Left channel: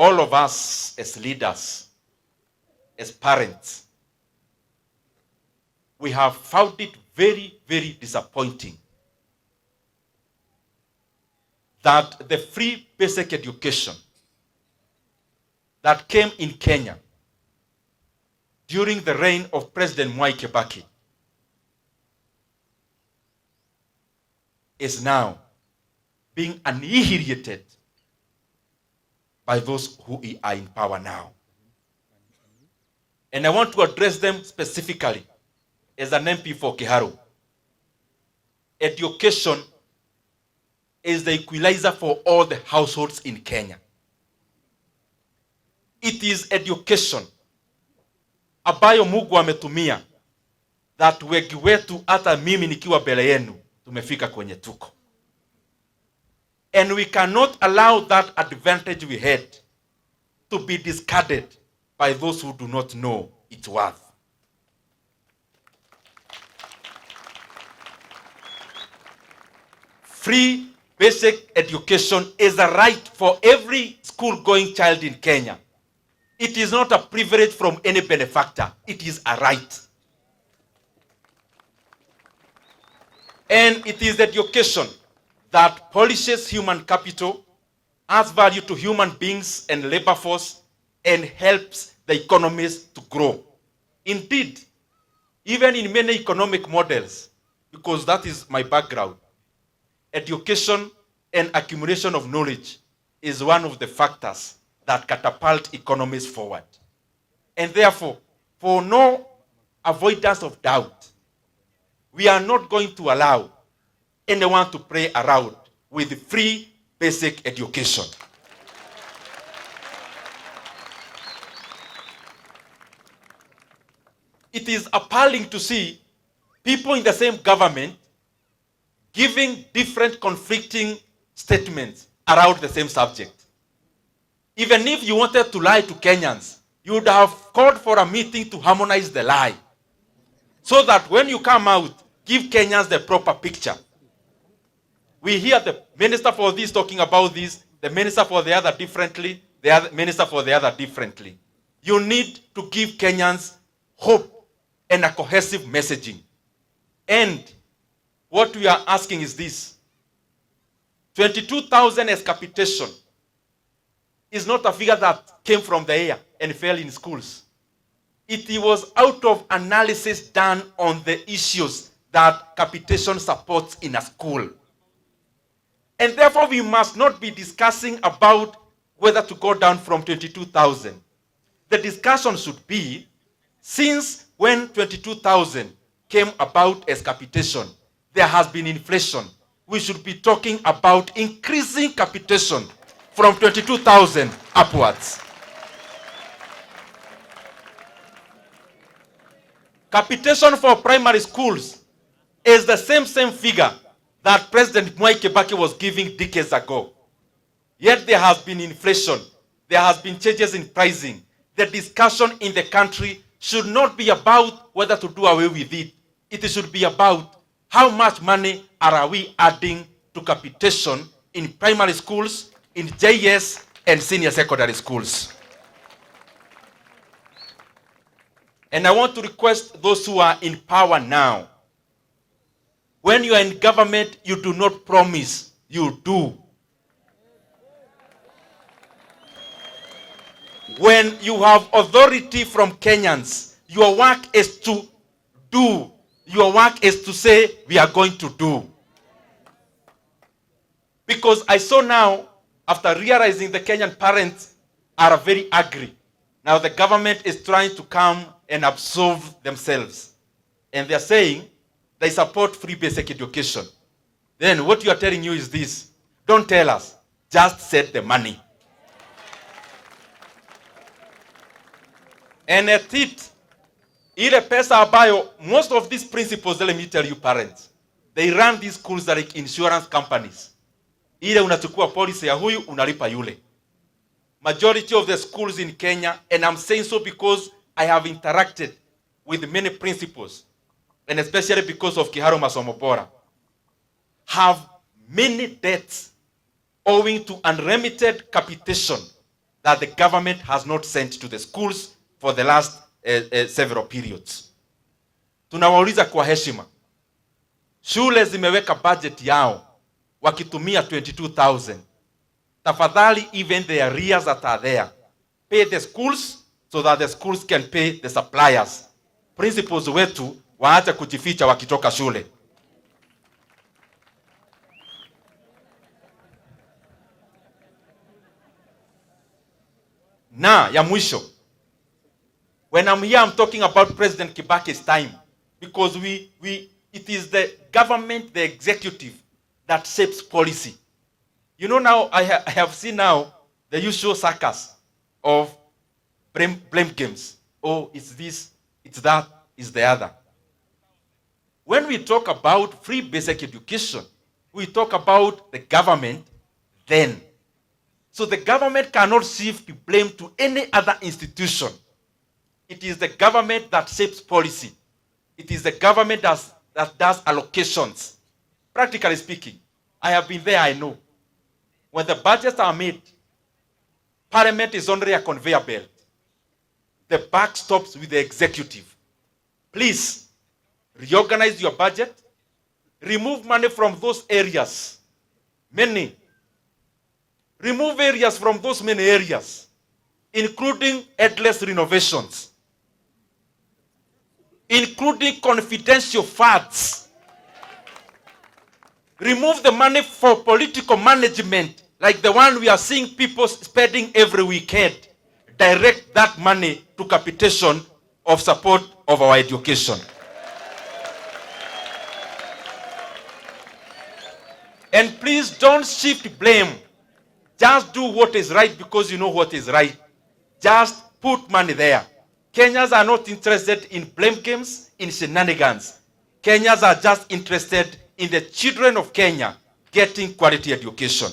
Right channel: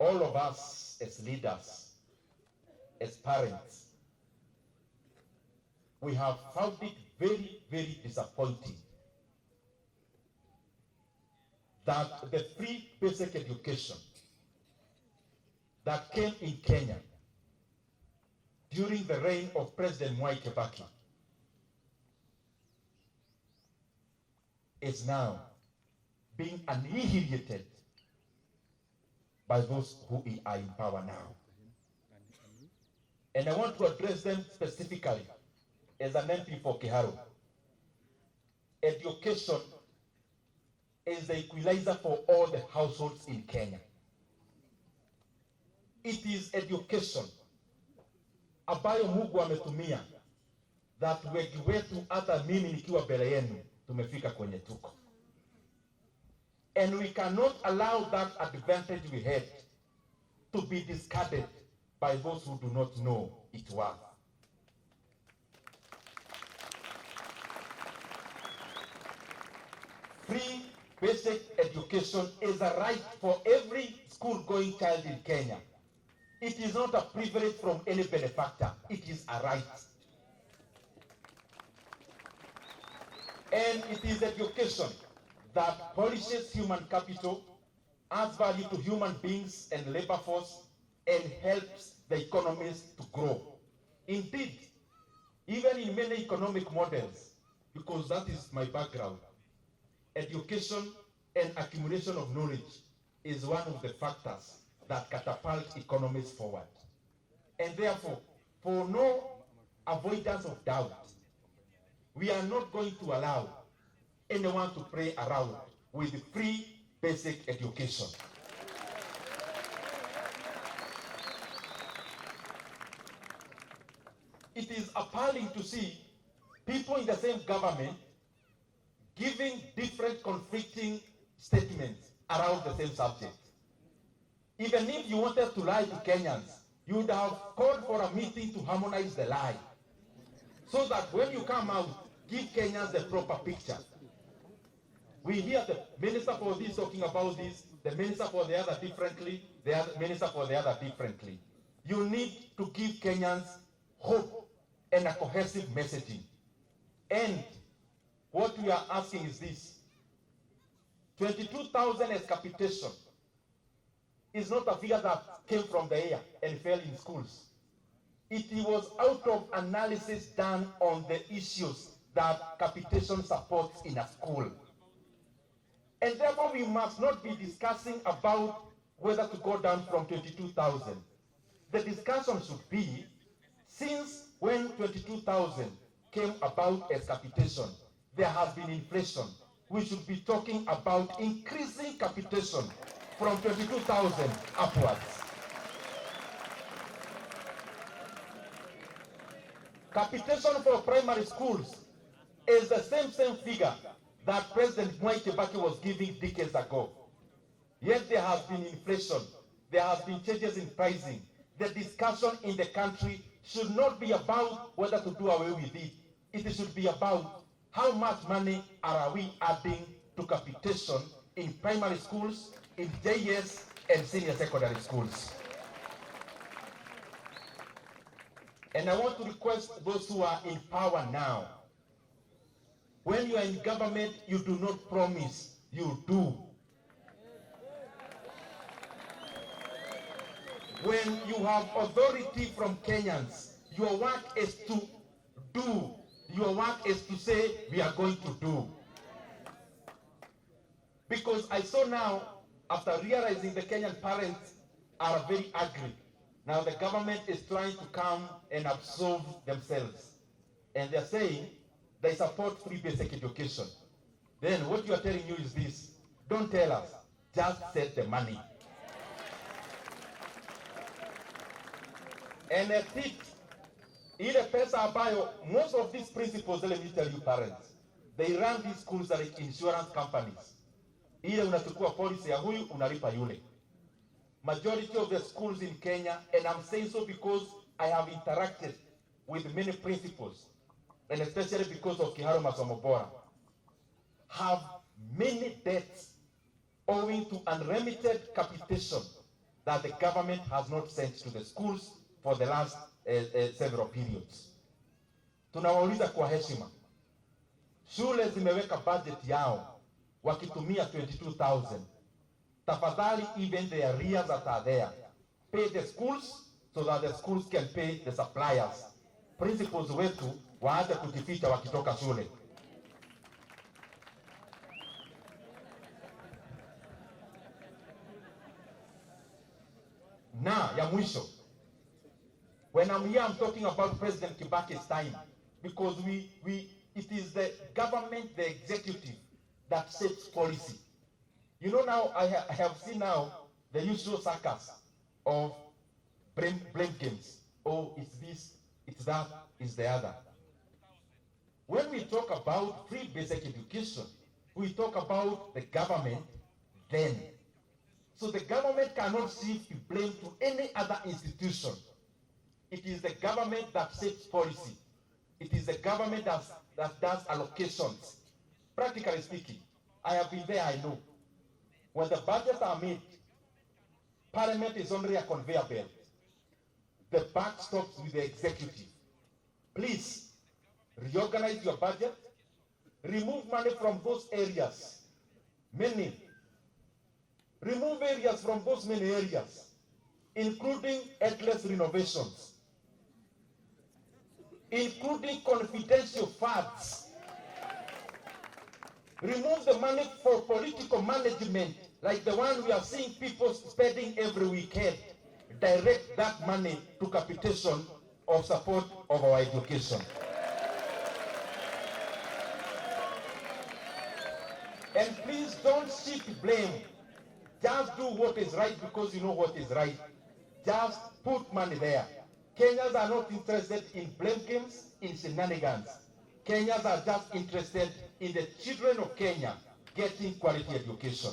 all of us as leaders, as parents, we have found it very, very disappointing that the free basic education that came in Kenya during the reign of President Mwai Kibaki is now being annihilated by those who are in power now. And I want to address them specifically as an MP for Kiharu. Education is the equalizer for all the households in Kenya. It is education ambayo Mungu ametumia that wengi wetu hata mimi nikiwa mbele yenu tumefika kwenye tuko. And we cannot allow that advantage we had to be discarded by those who do not know its worth. Free basic education is a right for every school-going child in Kenya. It is not a privilege from any benefactor. It is a right. And it is education that polishes human capital, adds value to human beings and labor force, and helps the economies to grow. Indeed, even in many economic models, because that is my background, education and accumulation of knowledge is one of the factors that catapult economies forward. And therefore, for no avoidance of doubt, we are not going to allow anyone to play around with free basic education. It is appalling to see people in the same government giving different conflicting statements around the same subject. Even if you wanted to lie to Kenyans, you would have called for a meeting to harmonize the lie, so that when you come out, give Kenyans the proper picture. We hear the minister for this talking about this, the minister for the other differently, the other minister for the other differently. You need to give Kenyans hope and a cohesive messaging. And what we are asking is this: 22,000 as capitation is not a figure that came from the air and fell in schools. It was out of analysis done on the issues that capitation supports in a school. And therefore, we must not be discussing about whether to go down from 22,000. The discussion should be, since when 22,000 came about as capitation, there has been inflation. We should be talking about increasing capitation from 22,000 upwards. Capitation for primary schools is the same figure that President Mwai Kibaki was giving decades ago. Yet there has been inflation. There has been changes in pricing. The discussion in the country should not be about whether to do away with it. It should be about how much money are we adding to capitation in primary schools, in JS, and senior secondary schools. And I want to request those who are in power now, when you are in government, you do not promise, you do. When you have authority from Kenyans, your work is to do. Your work is to say, we are going to do. Because I saw now, after realizing the Kenyan parents are very angry, now the government is trying to come and absolve themselves. And they're saying they support free basic education. Then what you are telling you is this: don't tell us, just set the money. And at it, ile pesa ambayo, most of these principles, let me tell you parents, they run these schools like insurance companies. Ile unachukua policy ya huyu, unalipa yule. Majority of the schools in Kenya, and I'm saying so because I have interacted with many principals, and especially because of Kiharu Masomo Bora, have many debts owing to unremitted capitation that the government has not sent to the schools for the last several periods. Tunawauliza kwa heshima, shule zimeweka budget yao wakitumia 22,000. Tafadhali, even the arrears that are there, pay the schools so that the schools can pay the suppliers. Principals wetu waache kujificha wakitoka shule. Na ya mwisho, when I'm here, I'm talking about President Kibaki's time, because it is the government, the executive, that shapes policy. You know, now I have seen now the usual circus of blame games. Oh, it's this, it's that, it's the other. When we talk about free basic education, we talk about the government then. So the government cannot shift blame to any other institution. It is the government that shapes policy. It is the government that does allocations. Practically speaking, I have been there, I know. When the budgets are made, Parliament is only a conveyor belt. The buck stops with the executive. Please, reorganize your budget. Remove money from those areas. Many. Remove areas from those many areas, including endless renovations, including confidential funds. Remove the money for political management, like the one we are seeing people spending every weekend. Direct that money to capitation of support of our education. And please don't shift blame. Just do what is right because you know what is right. Just put money there. Kenyans are not interested in blame games, in shenanigans. Kenyans are just interested in the children of Kenya getting quality education.